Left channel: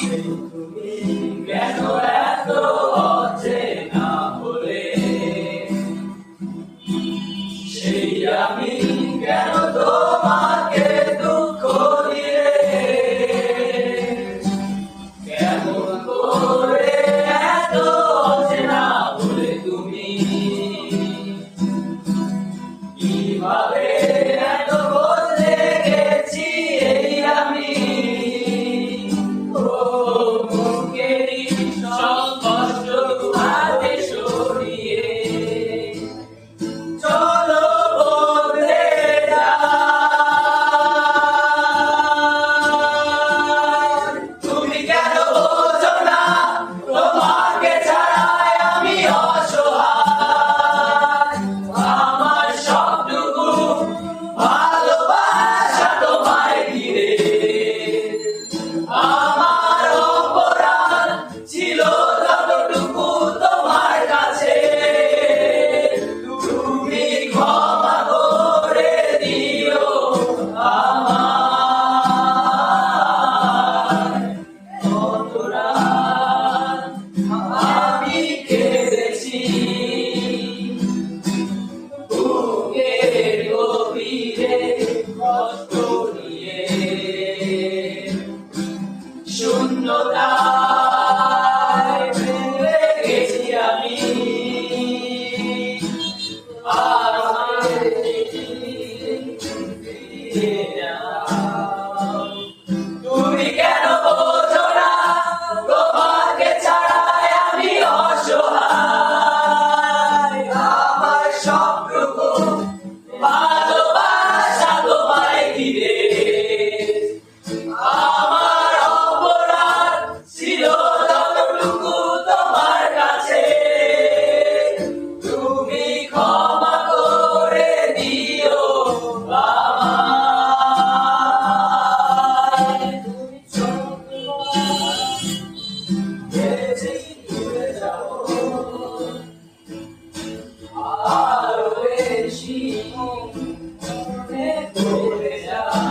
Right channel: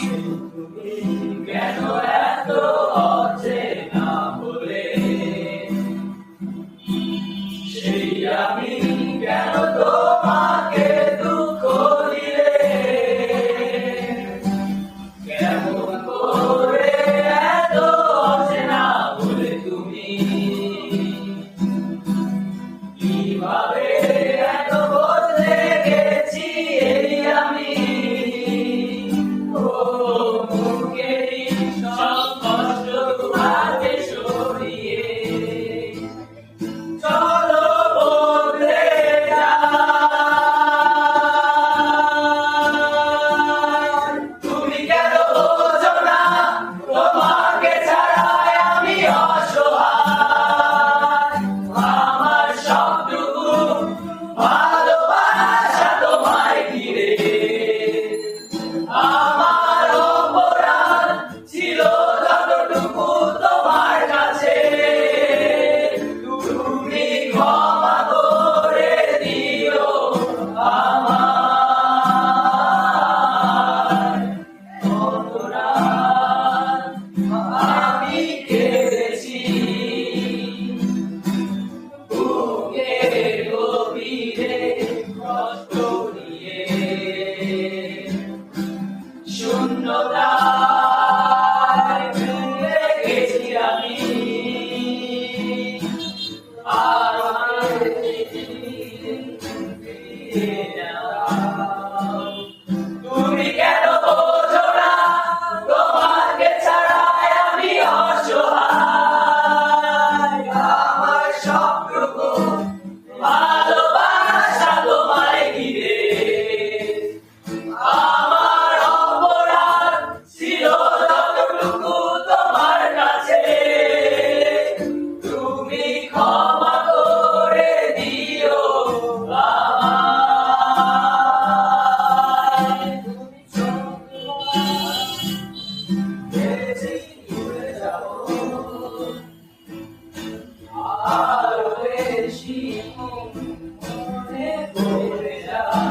তুমি কেন এত অচেনা হলে, সেই আমি কেন তোমাকে দুঃখ দিলে, কেমন করে এত অচেনা হলে তুমি, কিভাবে এত বদলে গেছি এই আমি। ও মুখেরই সব কষ্ট তোমাকে সরিয়ে চলো বদলে যাই। তুমি কেন বোঝো না তোমাকে ছাড়াই আমি অসহায়, আমার সবটুকু ভালোবাসা তোমায় ঘিরে, আমার অপরাধ ছিল যতটুকু তোমার কাছে, তুমি ক্ষমা করে দিও আমায়। কত রাত আমি কেঁদেছি বুকের গভীরে কষ্ট নিয়ে, শূন্যতায় ভেঙে গেছি আমি, আর আমাকে ফিরিয়ে দাও। তুমি কেন বোঝো না তোমাকে ছাড়াই আমি অসহায়, আমার সবটুকু ভালোবাসা তোমায় ঘিরে, আমার অপরাধ ছিল যতটুকু তোমার কাছে, তুমি ক্ষমা করে দিও আমায়। ভেবেছি ভুলে যাবো, আরো বেশি মনে পড়ে যায়।